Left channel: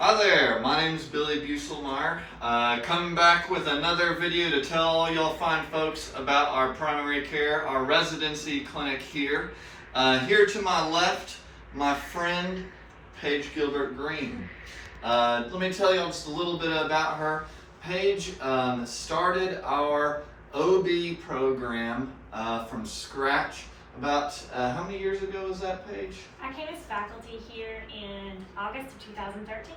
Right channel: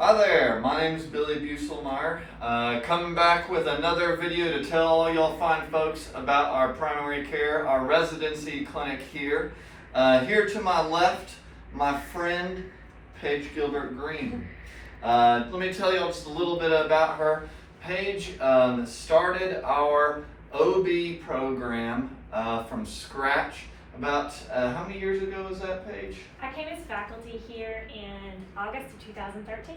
Hi there, my name is Billy Buselmeyer. Coming back with another video to tell all y'all fine folks about our primary care, our residency clinic here. Here to my left, my friend, Paige Gilbert-Green. Let me tell y'all just a little bit about her. Paige started our OB program from scratch about, how many years ago was that, Paige? I came as faculty here in August of 2013.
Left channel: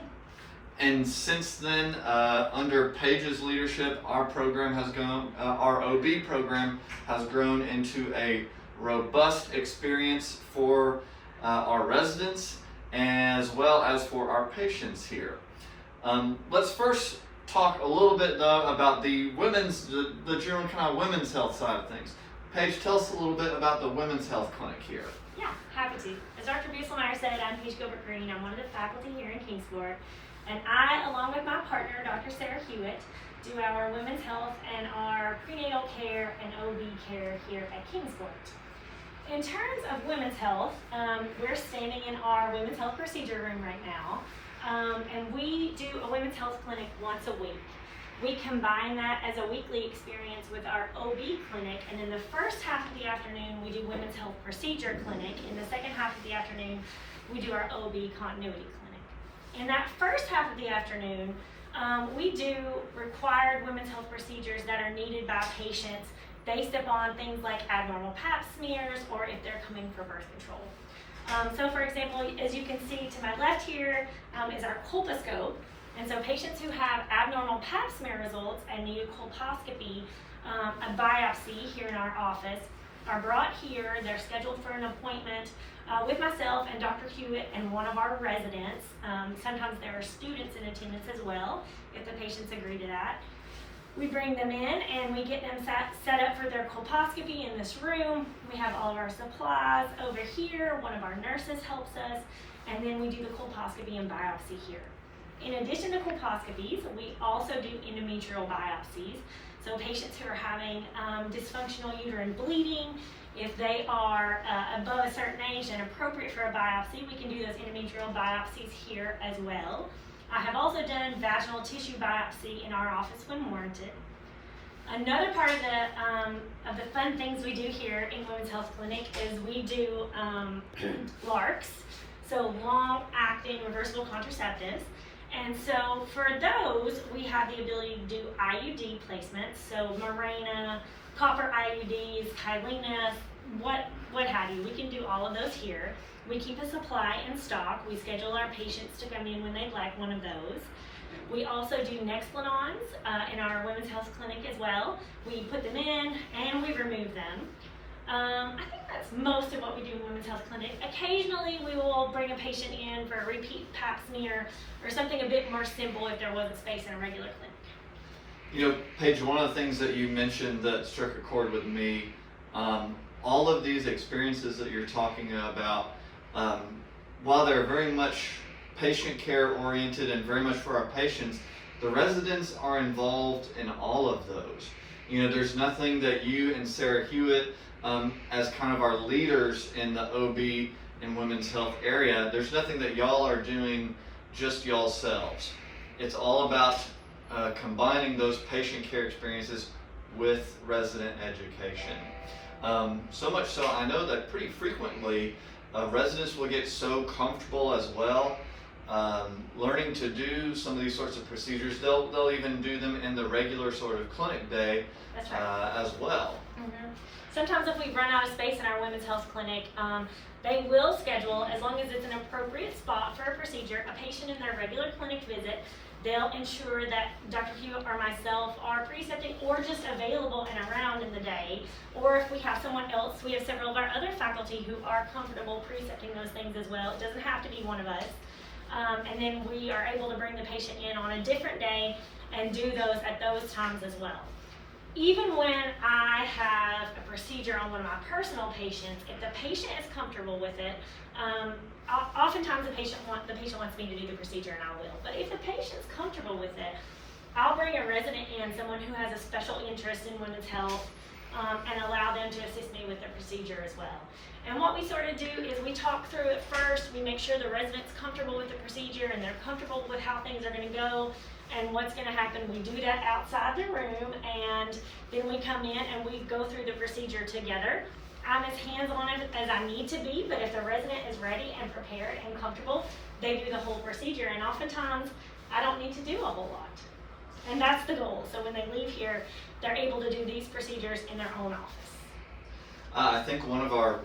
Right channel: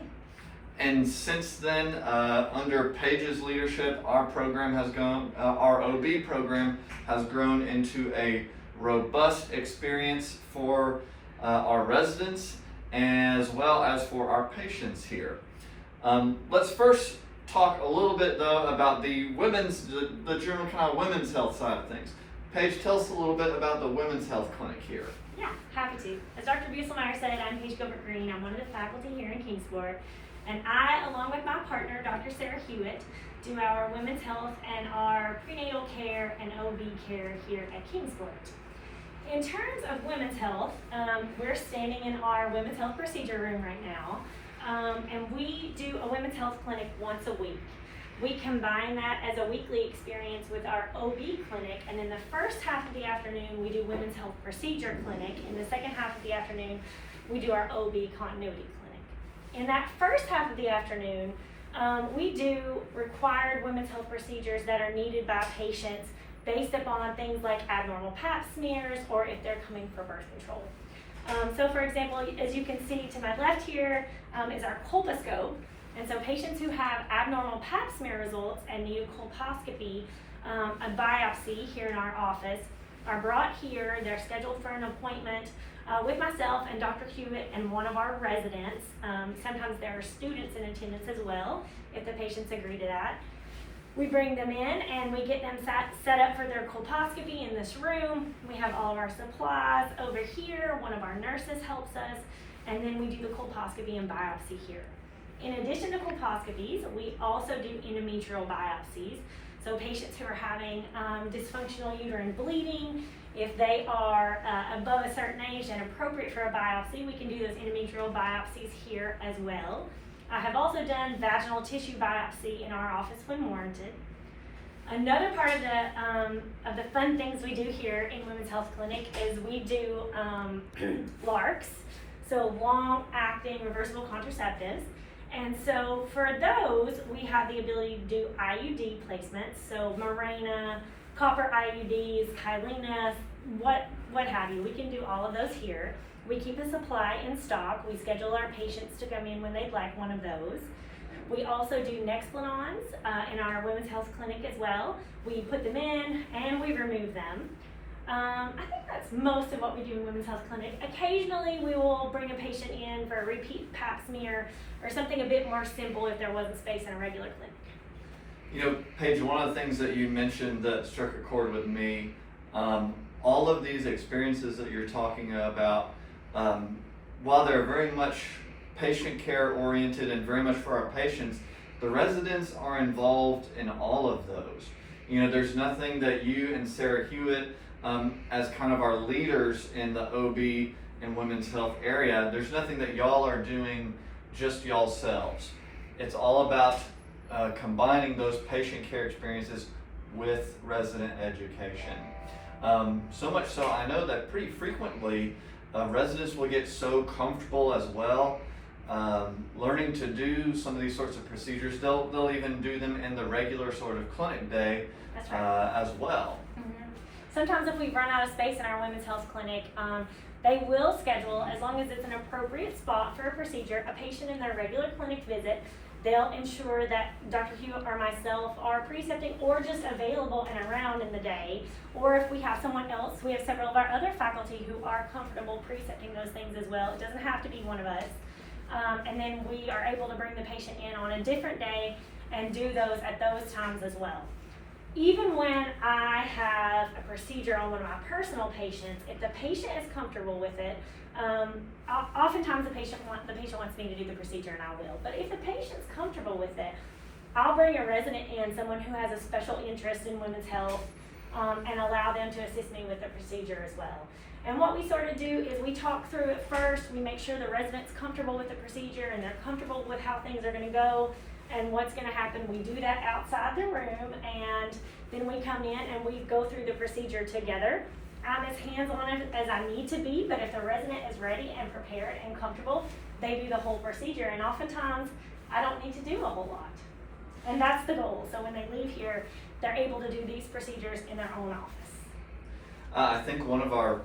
And since then, under Paige's leadership, our program has gone, our OB program has grown into a robust experience for our residents as well as for our patients here. Let's first talk a little bit though about the general kind of women's health side of things. Paige, tell us a little bit about the women's health clinic here. Yeah, happy to. As Dr. Buselmeyer said, I'm Paige Gilbert-Green. I'm one of the faculty here in Kingsport. And I, along with my partner, Dr. Sarah Hewitt, do our women's health and our prenatal care and OB care here at Kingsport. In terms of women's health, we're standing in our women's health procedure room right now. And we do a women's health clinic once a week. We combine that as a weekly experience with our OB clinic, and in the first half of the afternoon, we do women's health procedure clinic. In the second half of the afternoon, we do our OB continuity clinic. In that first half of the afternoon, we do required women's health procedures that are needed by patients based upon things like abnormal pap smears or if they're coming for birth control. So for example, as you can see to my left here is our colposcope. And so patients who have abnormal pap smear results and need a colposcopy, a biopsy here in our office, are brought here. They're scheduled for an appointment with myself and Dr. Hewitt and one of our residents. Sometimes there are students in attendance as well, if the patients agree to that. We bring them in and we get them set up for their colposcopy in this room. We have all of our supplies over here. One of our nurses helps us, and then we do the colposcopy and biopsy here. In addition to colposcopies, we also do endometrial biopsies. So patients who are having dysfunctional uterine bleeding, if they are above a certain age and appropriate for a biopsy, we can do those endometrial biopsies here as well. I have also done vaginal tissue biopsy in our office when warranted. Another part of the fun things we do here in Women's Health Clinic is we do LARCs, so long-acting reversible contraceptives. And so for those, we have the ability to do IUD placements, so Mirena, copper IUDs, Kyleena, what have you. We can do all of those here. We keep a supply in stock. We schedule our patients to come in when they'd like one of those. We also do Nexplanons in our women's health clinic as well. We put them in and we remove them. I think that's most of what we do in Women's Health Clinic. Occasionally we will bring a patient in for a repeat pap smear or something a bit more simple if there wasn't space in a regular clinic. You know, Paige, one of the things that you mentioned that struck a chord with me, all of these experiences that you're talking about, while they're very much patient care oriented and very much for our patients, the residents are involved in all of those. You know, there's nothing that you and Sarah Hewitt, as kind of our leaders in the OB and women's health area, there's nothing that y'all are doing just y'all selves. It's all about combining those patient care experiences with resident education. So much so, I know that pretty frequently residents will get so comfortable as well learning to do some of these sorts of procedures. They'll even do them in the regular sort of clinic day. That's right. As well. Mm-hmm. Sometimes if we run out of space in our women's health clinic, they will schedule, as long as it's an appropriate spot for a procedure, a patient in their regular clinic visit. They'll ensure that Dr. Hewitt or myself are precepting or just available and around in the day. Or if we have someone else, we have several of our other faculty who are comfortable precepting those things as well. It doesn't have to be one of us. And then we are able to bring the patient in on a different day and do those at those times as well. Even when I have a procedure on one of my personal patients, if the patient is comfortable with it, oftentimes the patient wants me to do the procedure, and I will. But if the patient's comfortable with it, I'll bring a resident in, someone who has a special interest in women's health, and allow them to assist me with the procedure as well. And what we sort of do is we talk through it first, we make sure the resident's comfortable with the procedure and they're comfortable with how things are gonna go and what's gonna happen. We do that outside the room, and then we come in and we go through the procedure together. I'm as hands-on as I need to be, but if the resident is ready and prepared and comfortable, they do the whole procedure, and oftentimes I don't need to do a whole lot. And that's the goal. So when they leave here, they're able to do these procedures in their own office. I think one of our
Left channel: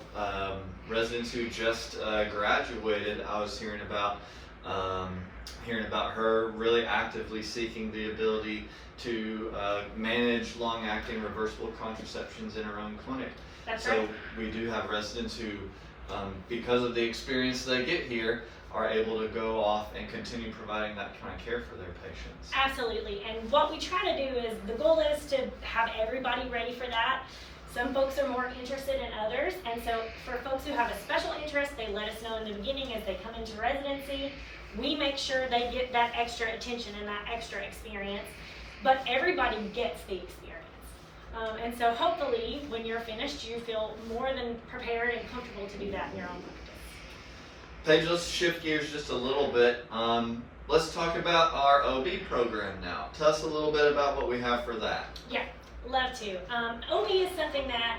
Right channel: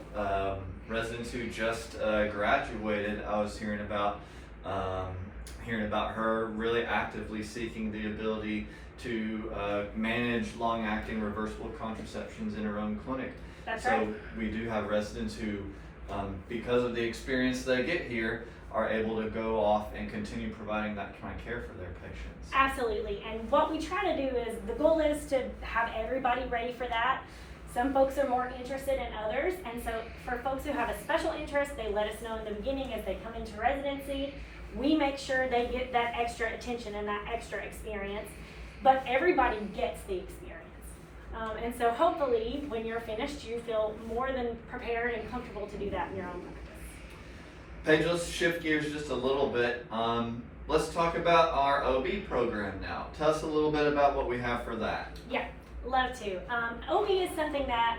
residents who just graduated, I was hearing about her really actively seeking the ability to manage long-acting reversible contraceptions in her own clinic. That's so right. We do have residents who, because of the experience they get here, are able to go off and continue providing that kind of care for their patients. Absolutely, and what we try to do is, the goal is to have everybody ready for that. Some folks are more interested in others, and so for folks who have a special interest, they let us know in the beginning as they come into residency. We make sure they get that extra attention and that extra experience, but everybody gets the experience. And so hopefully, when you're finished, you feel more than prepared and comfortable to do that in your own practice. Paige, let's shift gears just a little bit. Let's talk about our OB program now. Tell us a little bit about what we have for that. Yeah, love to. OB is something that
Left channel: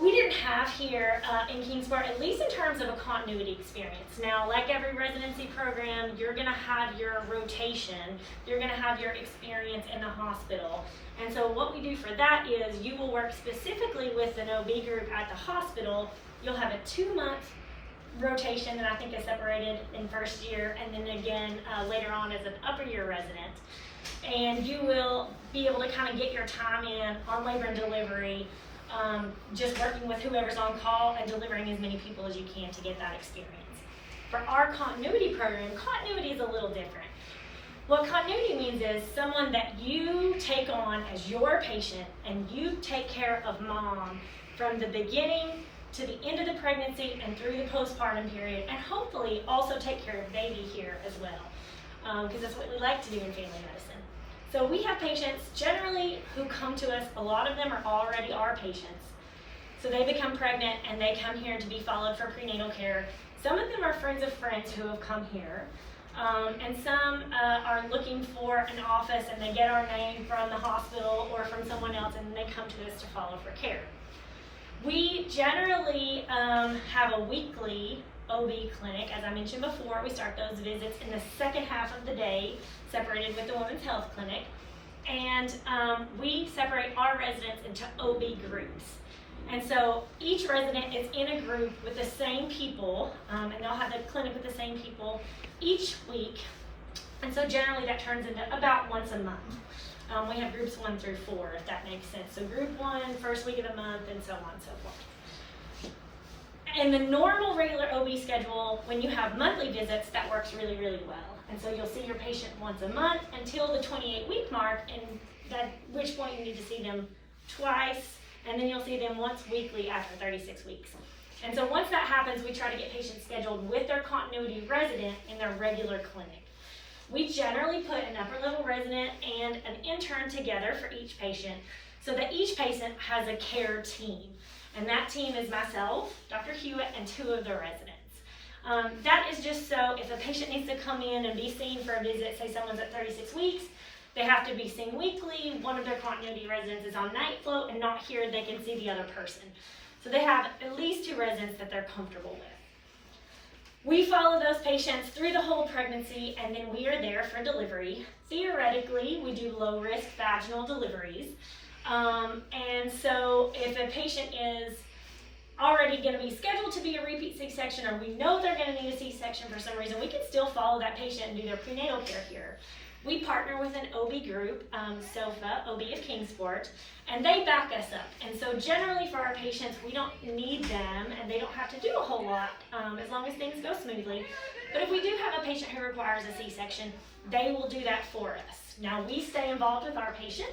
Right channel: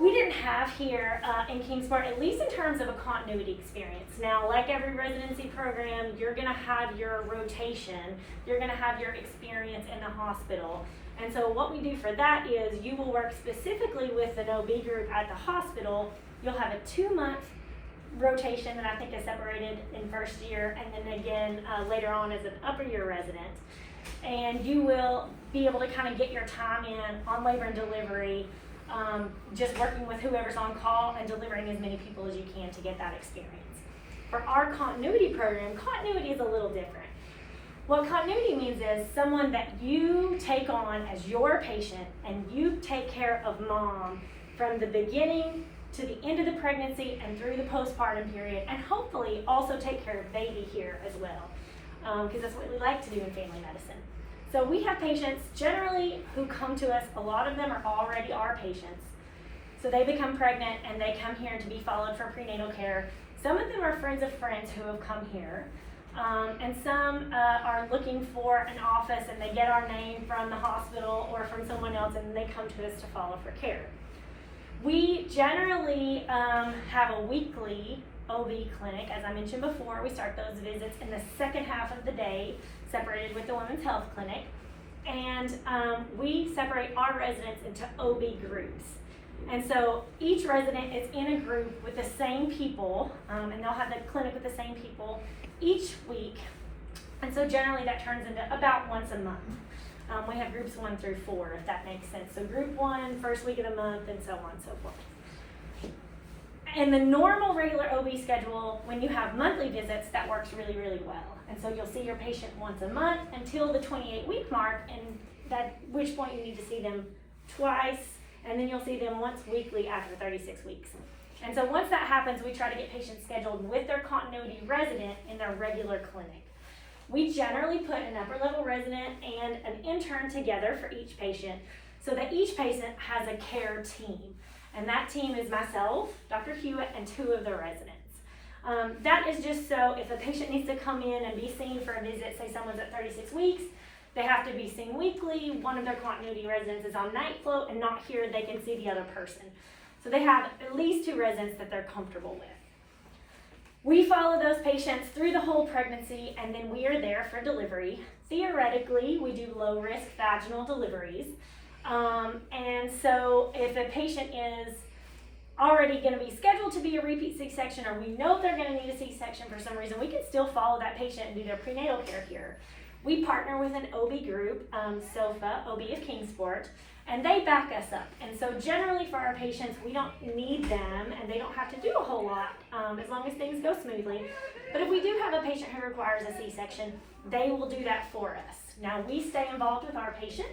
we didn't have here in Kingsport, at least in terms of a continuity experience. Now, like every residency program, you're gonna have your rotation, you're gonna have your experience in the hospital. And so what we do for that is you will work specifically with an OB group at the hospital. You'll have a 2-month rotation that I think is separated in first year, and then again later on as an upper year resident. And you will be able to kind of get your time in on labor and delivery, just working with whoever's on call and delivering as many people as you can to get that experience. For our continuity program, continuity is a little different. What continuity means is someone that you take on as your patient, and you take care of mom from the beginning to the end of the pregnancy and through the postpartum period, and hopefully also take care of baby here as well, because that's what we like to do in family medicine. So we have patients generally who come to us, a lot of them are already our patients. So they become pregnant and they come here to be followed for prenatal care. Some of them are friends of friends who have come here. And some are looking for an office, and they get our name from the hospital or from someone else, and they come to us to follow for care. We generally have a weekly OB clinic. As I mentioned before, we start those visits in the second half of the day, separated with the Women's Health Clinic. And we separate our residents into OB groups. And so each resident is in a group with the same people, and they'll have the clinic with the same people each week. And so generally that turns into about once a month. We have groups 1 through 4, if that makes sense. So group 1, first week of the month, and so on and so forth. In the normal regular OB schedule, when you have monthly visits, that works really, really well. And so you'll see your patient once a month until the 28-week mark, and at which point you need to see them twice, and then you'll see them once weekly after 36 weeks. And so once that happens, we try to get patients scheduled with their continuity resident in their regular clinic. We generally put an upper level resident and an intern together for each patient, so that each patient has a care team. And that team is myself, Dr. Hewitt, and 2 of the residents. That is just so if a patient needs to come in and be seen for a visit, say someone's at 36 weeks, they have to be seen weekly. One of their continuity residents is on night float and not here, they can see the other person. So they have at least 2 residents that they're comfortable with. We follow those patients through the whole pregnancy, and then we are there for delivery. Theoretically, we do low-risk vaginal deliveries. And so if a patient is already going to be scheduled to be a repeat C-section, or we know they're going to need a C-section for some reason, we can still follow that patient and do their prenatal care here. We partner with an OB group, SOFA, OB of Kingsport, and they back us up. And so generally for our patients, we don't need them, and they don't have to do a whole lot as long as things go smoothly. But if we do have a patient who requires a C-section, they will do that for us. Now we stay involved with our patient.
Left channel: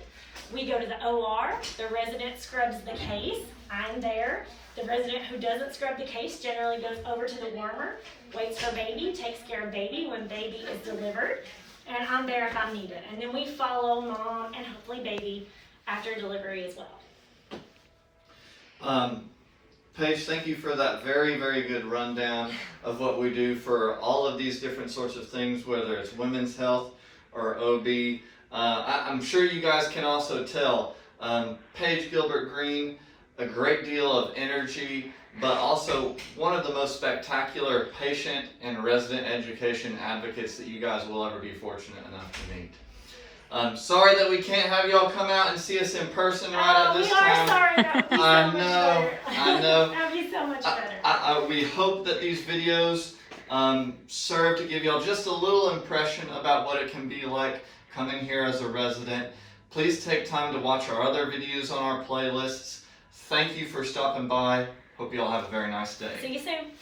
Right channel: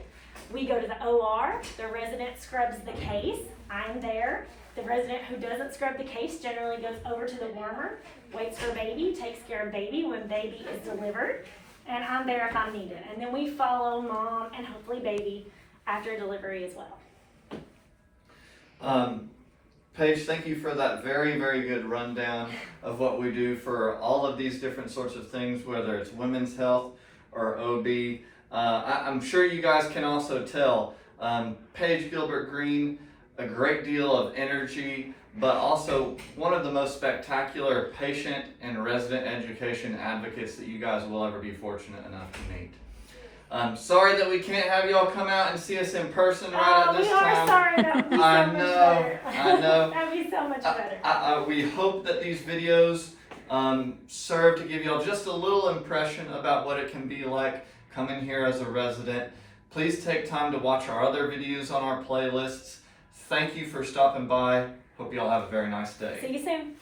We go to the OR, the resident scrubs the case, I'm there. The resident who doesn't scrub the case generally goes over to the warmer, waits for baby, takes care of baby when baby is delivered, and I'm there if I'm needed. And then we follow mom and hopefully baby after delivery as well. Paige, thank you for that very, very good rundown of what we do for all of these different sorts of things, whether it's women's health or OB. I'm sure you guys can also tell, Paige Gilbert Green, a great deal of energy, but also one of the most spectacular patient and resident education advocates that you guys will ever be fortunate enough to meet. I'm sorry that we can't have y'all come out and see us in person right at this time. We are sorry. That would be so I much know, better. I know. That would be so much better. We hope that these videos serve to give y'all just a little impression about what it can be like coming here as a resident. Please take time to watch our other videos on our playlists. Thank you for stopping by. Hope y'all have a very nice day. See you soon.